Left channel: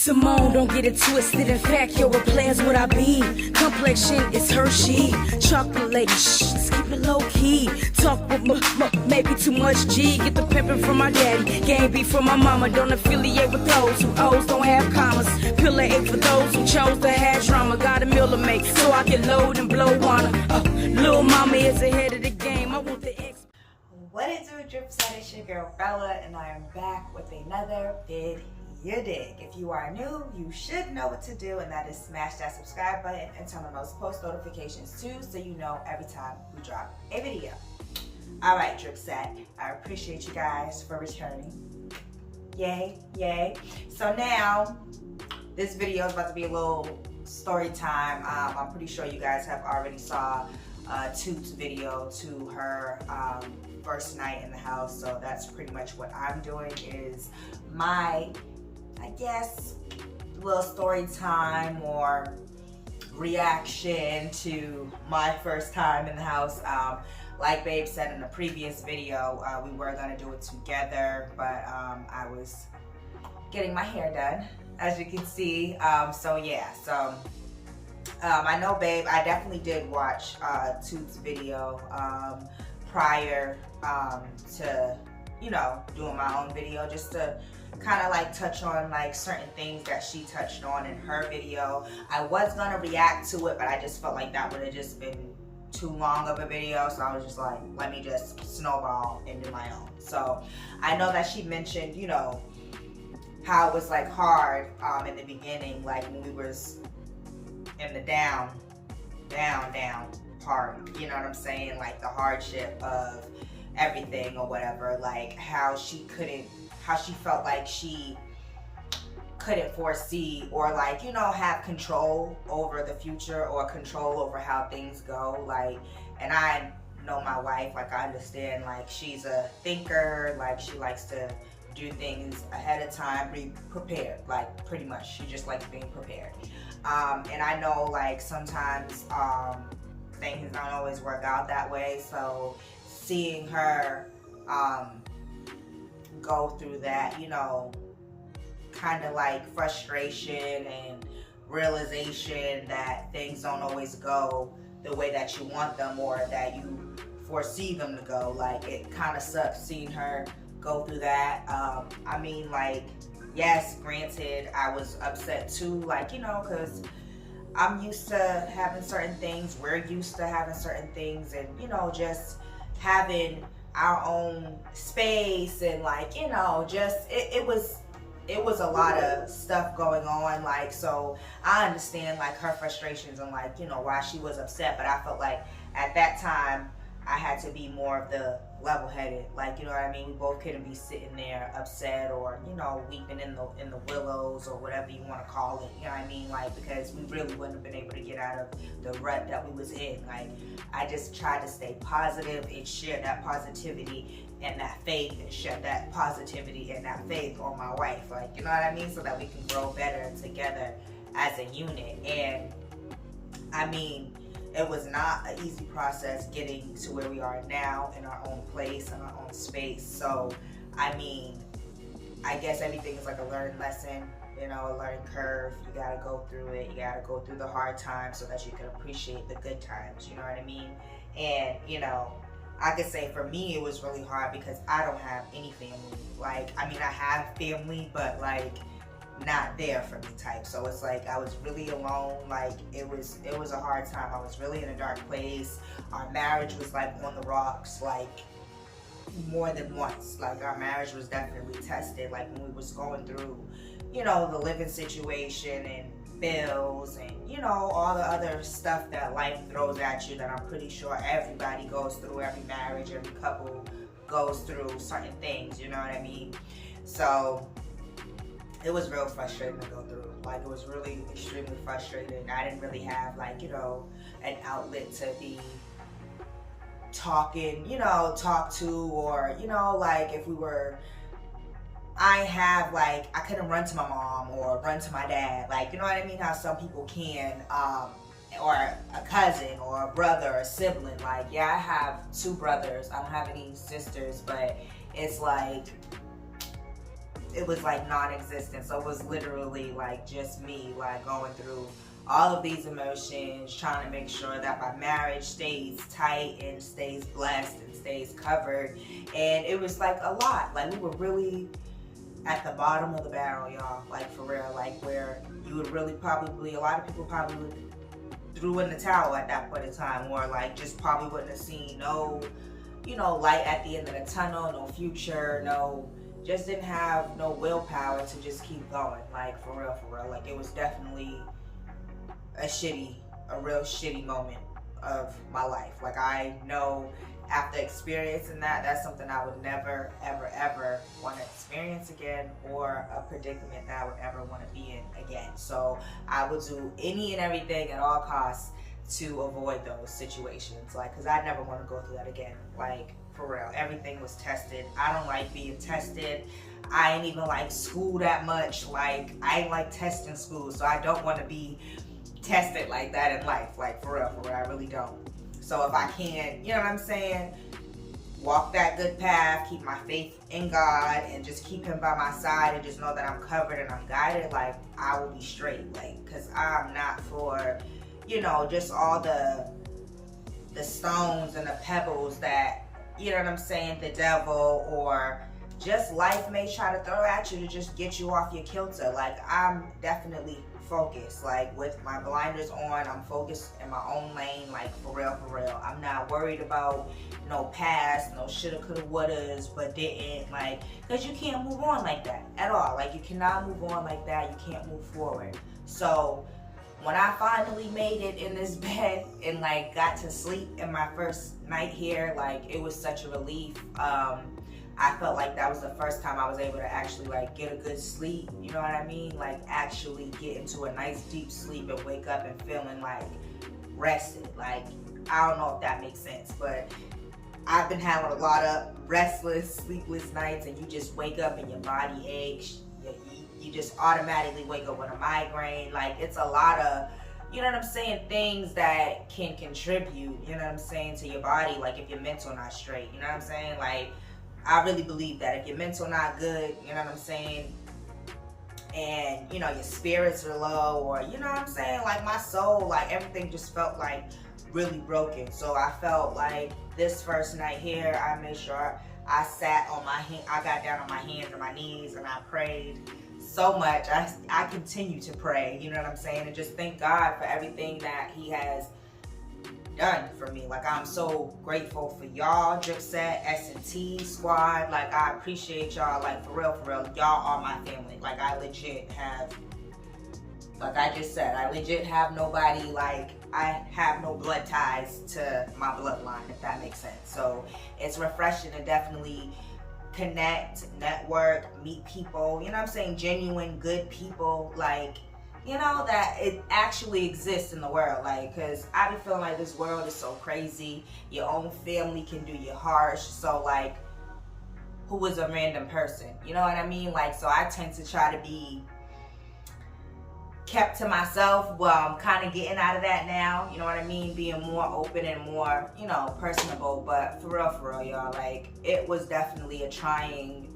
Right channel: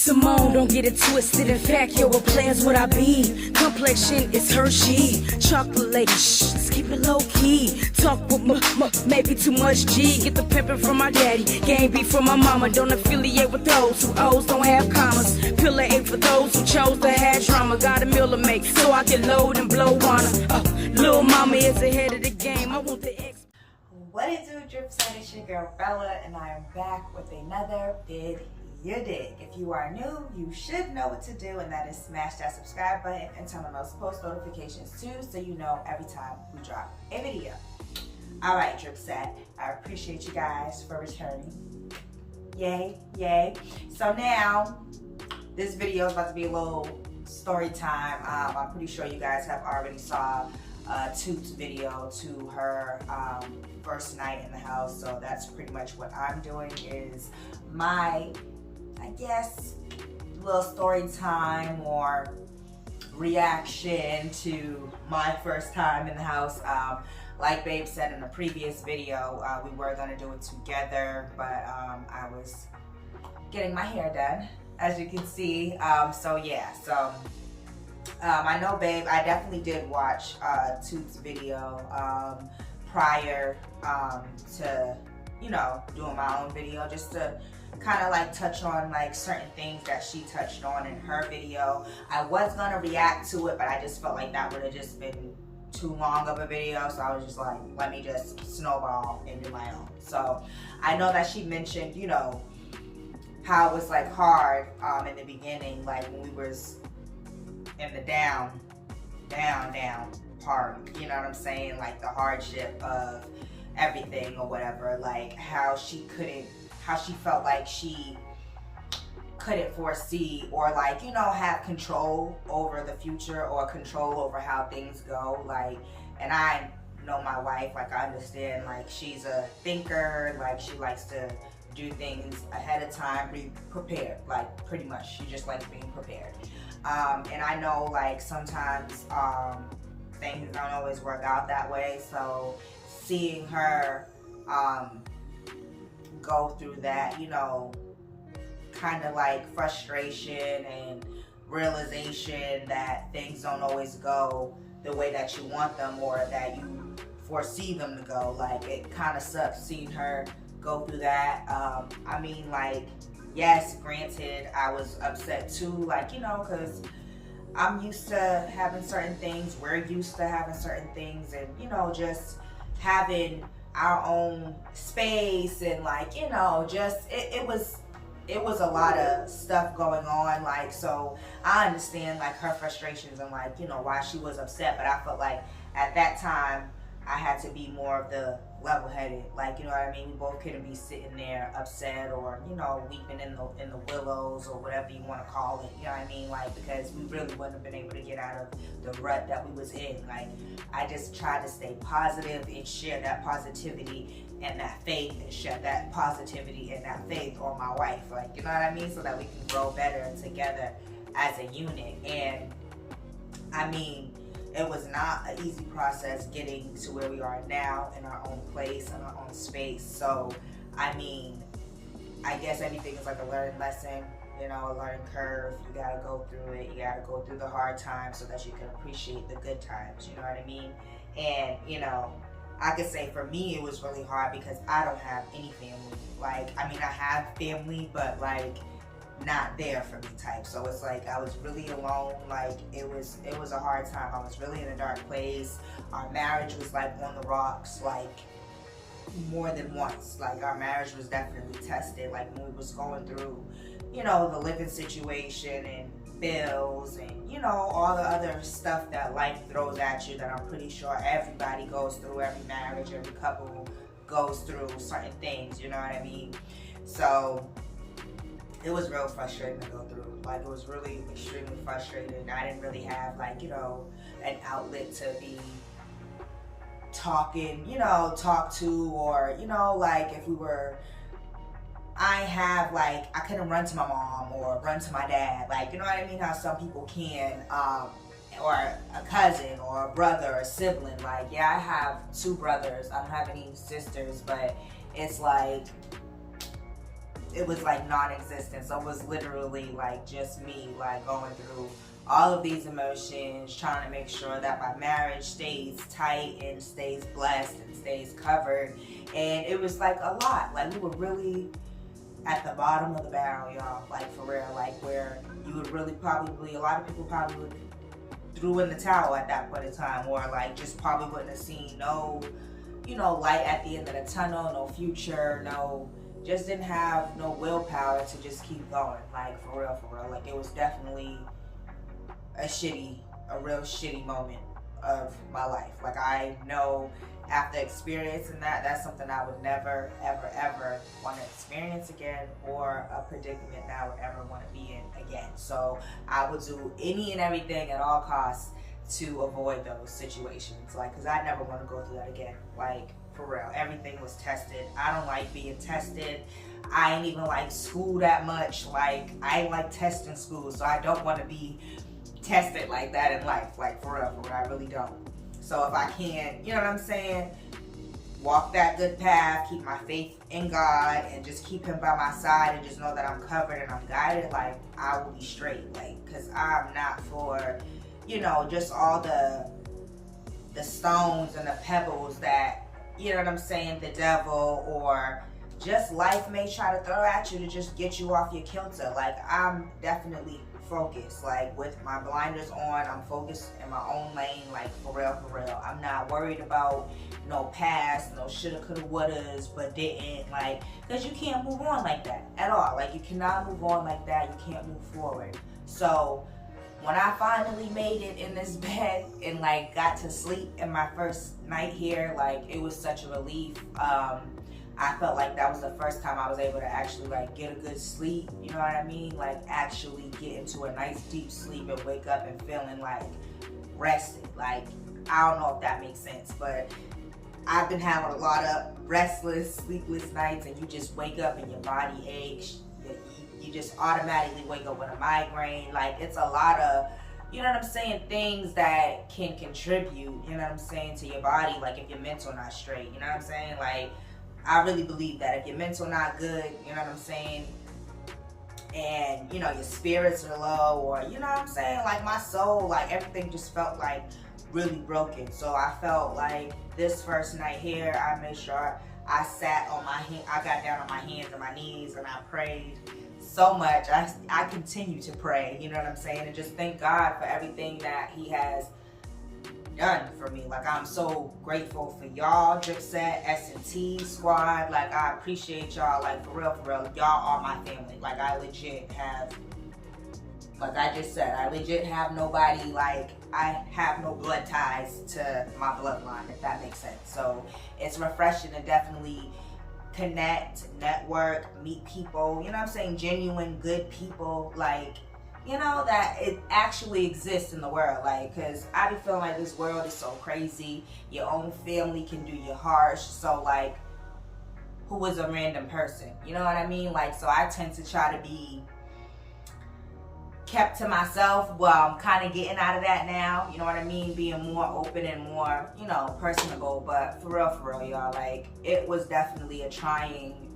Simone, don't get it twisted. In fact, yo, what players would I be? Complexion is Hershey. Chocolate lady, shh, let's keep it low key. Talk with maybe too much G. Get the pimpin' from my daddy, game beef from my mama. Don't affiliate with those who O's don't have commas. Pillar 8 for those who chose to have drama. Got a meal to make, so I can load and blow on her. Little mama is ahead of the game. I want the X. What it do, Drip Set? It's your girl Bella, and I am back with another Did You Dig? If you are new, you should know what to do, and that is smash that subscribe button and turn on those post notifications too, so you know every time we drop a video. All right, Drip Set, I appreciate you guys for returning. Yay, yay. So now, this video is about to be a little story time. I'm pretty sure you guys have already saw Toot's video to her first night in the house, so that's pretty much what I'm doing is my, I guess, little story time or reaction to my first time in the house. Like Babe said in the previous video, we were gonna do it together, but I was getting my hair done, as you can see. So yeah, so I know Babe, I definitely did watch Toot's video prior to, you know, doing my own video, just to kind of like touch on like certain things that she touched on in her video. I was gonna react to it, but I just felt like that would have just been too long of a video, so I was just like, let me just snowball and do my own. So I know that she mentioned, you know, how it was like hard in the beginning, like when we was in the down part, you know what I'm saying, like the hardship of everything or whatever, like how she felt like she couldn't foresee or like, you know, have control over the future or control over how things go. Like, and I know my wife, like I understand, like she's a thinker, like she likes to do things ahead of time, be prepared, like pretty much she just likes being prepared. And I know like sometimes things don't always work out that way, so seeing her go through that, you know, kind of like frustration and realization that things don't always go the way that you want them or that you foresee them to go, like it kind of sucks seeing her go through that. I mean, like, yes, granted, I was upset too, like, you know, because I'm used to having certain things, we're used to having certain things, and, you know, just having our own space and, like, you know, just, it was a lot of stuff going on, like, so I understand, like, her frustrations and, like, you know, why she was upset, but I felt like at that time, I had to be more of the level-headed, like, you know what I mean? We both couldn't be sitting there upset or, you know, weeping in the willows or whatever you want to call it, you know what I mean? Like, because we really wouldn't have been able to get out of the rut that we was in. Like, I just tried to stay positive and share that positivity and that faith and share that positivity and that faith on my wife, like, you know what I mean? So that we can grow better together as a unit. And I mean, it was not an easy process getting to where we are now in our own place, in our own space. So, I mean, I guess everything is like a learning lesson, you know, a learning curve. You gotta go through it. You gotta go through the hard times so that you can appreciate the good times, you know what I mean? And, you know, I could say for me, it was really hard because I don't have any family. Like, I mean, I have family, but like, not there for me type. So it's like I was really alone. Like it was a hard time. I was really in a dark place. Our marriage was like on the rocks, like more than once. Like our marriage was definitely tested, like when we was going through, you know, the living situation and bills and, you know, all the other stuff that life throws at you that I'm pretty sure everybody goes through. Every marriage, every couple goes through certain things, you know what I mean? So it was real frustrating to go through. Like, it was really extremely frustrating. I didn't really have, like, you know, an outlet to be talking, you know, talk to, or, you know, like, if we were, I couldn't run to my mom or run to my dad. Like, you know what I mean? How some people can, or a cousin or a brother or a sibling. Like, yeah, I have 2 brothers. I don't have any sisters, but it's like, it was like non-existent. So it was literally like just me, like going through all of these emotions, trying to make sure that my marriage stays tight and stays blessed and stays covered. And it was like a lot. Like, we were really at the bottom of the barrel, y'all. Like, for real. Like, where you would really probably, a lot of people probably would threw in the towel at that point in time, or like just probably wouldn't have seen no, you know, light at the end of the tunnel, no future, no, just didn't have no willpower to just keep going. Like, for real. Like, it was definitely a real shitty moment of my life. Like, I know after experiencing that, that's something I would never, ever want to experience again, or a predicament that I would ever want to be in again. So I would do any and everything at all costs to avoid those situations. Like, because I never want to go through that again. Like, for real. Everything was tested. I don't like being tested. I ain't even like school that much. Like, I ain't like testing school, so I don't want to be tested like that in life. Like, for real, I really don't. So if I can, you know what I'm saying, walk that good path, keep my faith in God, and just keep him by my side, and just know that I'm covered and I'm guided, like, I will be straight. Like, because I'm not for, you know, just all the stones and the pebbles that, you know what I'm saying, the devil or just life may try to throw at you to just get you off your kilter. Like, I'm definitely focused. Like, with my blinders on, I'm focused in my own lane. Like, for real. I'm not worried about no past, no shoulda, coulda, wouldas, but didn't. Like, because you can't move on like that at all. Like, you cannot move on like that. You can't move forward. So when I finally made it in this bed and like got to sleep in my first night here, like, it was such a relief. I felt like that was the first time I was able to actually like get a good sleep, you know what I mean? Like, actually get into a nice deep sleep and wake up and feeling like rested. Like, I don't know if that makes sense, but I've been having a lot of restless, sleepless nights, and you just wake up and your body aches. You just automatically wake up with a migraine. Like, it's a lot of, you know what I'm saying, things that can contribute, you know what I'm saying, to your body. Like, if your mental not straight, you know what I'm saying? Like, I really believe that if your mental not good, you know what I'm saying, and, you know, your spirits are low, or, you know what I'm saying, like, my soul, like, everything just felt like really broken. So I felt like this first night here, I made sure I sat on my hand, I got down on my hands and my knees, and I prayed so much. I continue to pray, you know what I'm saying, and just thank God for everything that he has done for me. Like, I'm so grateful for y'all, D.R.I.P Set, S&T squad. Like, I appreciate y'all. Like, for real, y'all are my family. Like, I legit have, like I just said, I legit have nobody, like, I have no blood ties to my bloodline, if that makes sense. So it's refreshing to definitely connect, network, meet people, you know what I'm saying, genuine, good people, like, you know, that it actually exists in the world. Like, because I be feeling like this world is so crazy. Your own family can do you harsh. So, like, who is a random person? You know what I mean? Like, so I tend to try to be kept to myself. Well, I'm kind of getting out of that now. You know what I mean? Being more open and more, you know, personable. But for real, y'all, like, it was definitely a trying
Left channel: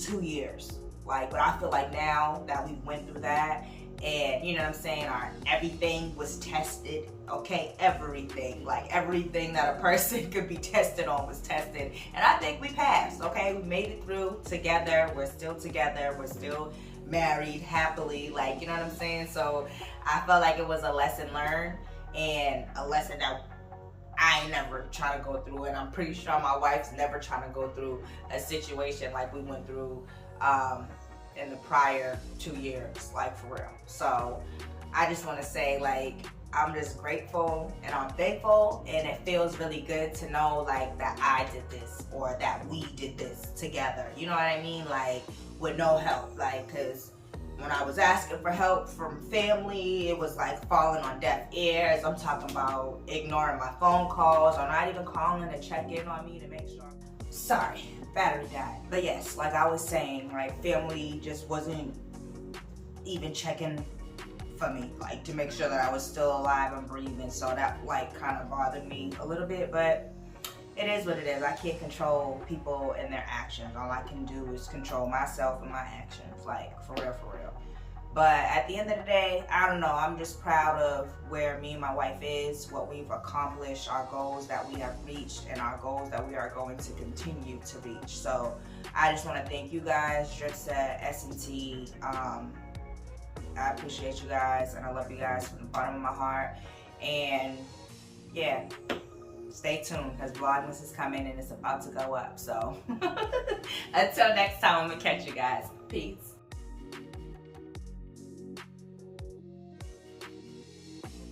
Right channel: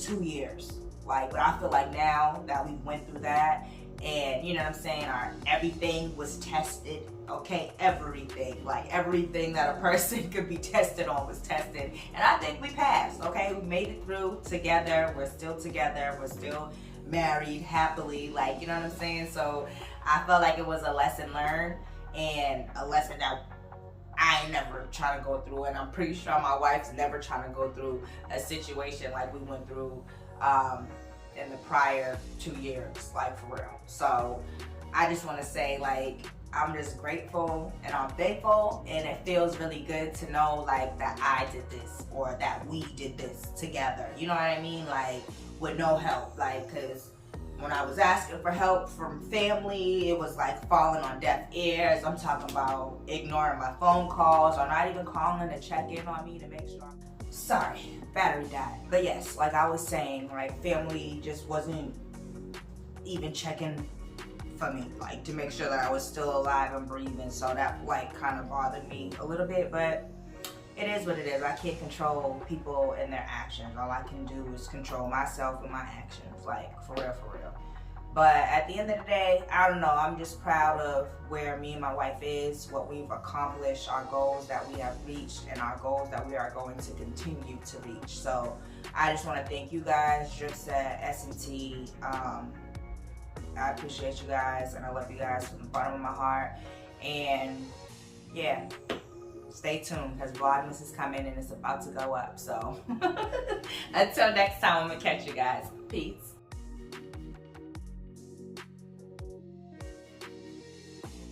2 years. Like, but I feel like now that we went through that, and, you know what I'm saying, everything was tested, okay? Everything, like, everything that a person could be tested on was tested. And I think we passed, okay? We made it through together. We're still together. We're still married happily, like, you know what I'm saying? So I felt like it was a lesson learned, and a lesson that I ain't never trying to go through. And I'm pretty sure my wife's never trying to go through a situation like we went through in the prior 2 years, like, for real. So I just want to say, like, I'm just grateful and I'm thankful, and it feels really good to know, like, that I did this, or that we did this together, you know what I mean, like, with no help. Like, because when I was asking for help from family, it was like falling on deaf ears. I'm talking about ignoring my phone calls, or not even calling to check in on me to make sure. Sorry, battery died. But yes, like I was saying, like, family just wasn't even checking for me, like, to make sure that I was still alive and breathing. So that, like, kind of bothered me a little bit. But it is what it is. I can't control people and their actions. All I can do is control myself and my actions, like for real, for real. But at the end of the day, I don't know, I'm just proud of where me and my wife is, what we've accomplished, our goals that we have reached, and our goals that we are going to continue to reach. So I just want to thank you guys, D.R.I.P SET, S&T. I appreciate you guys, and I love you guys from the bottom of my heart. And yeah, stay tuned, because Vlogmas is coming and it's about to go up. So until next time, I'm gonna catch you guys. Peace.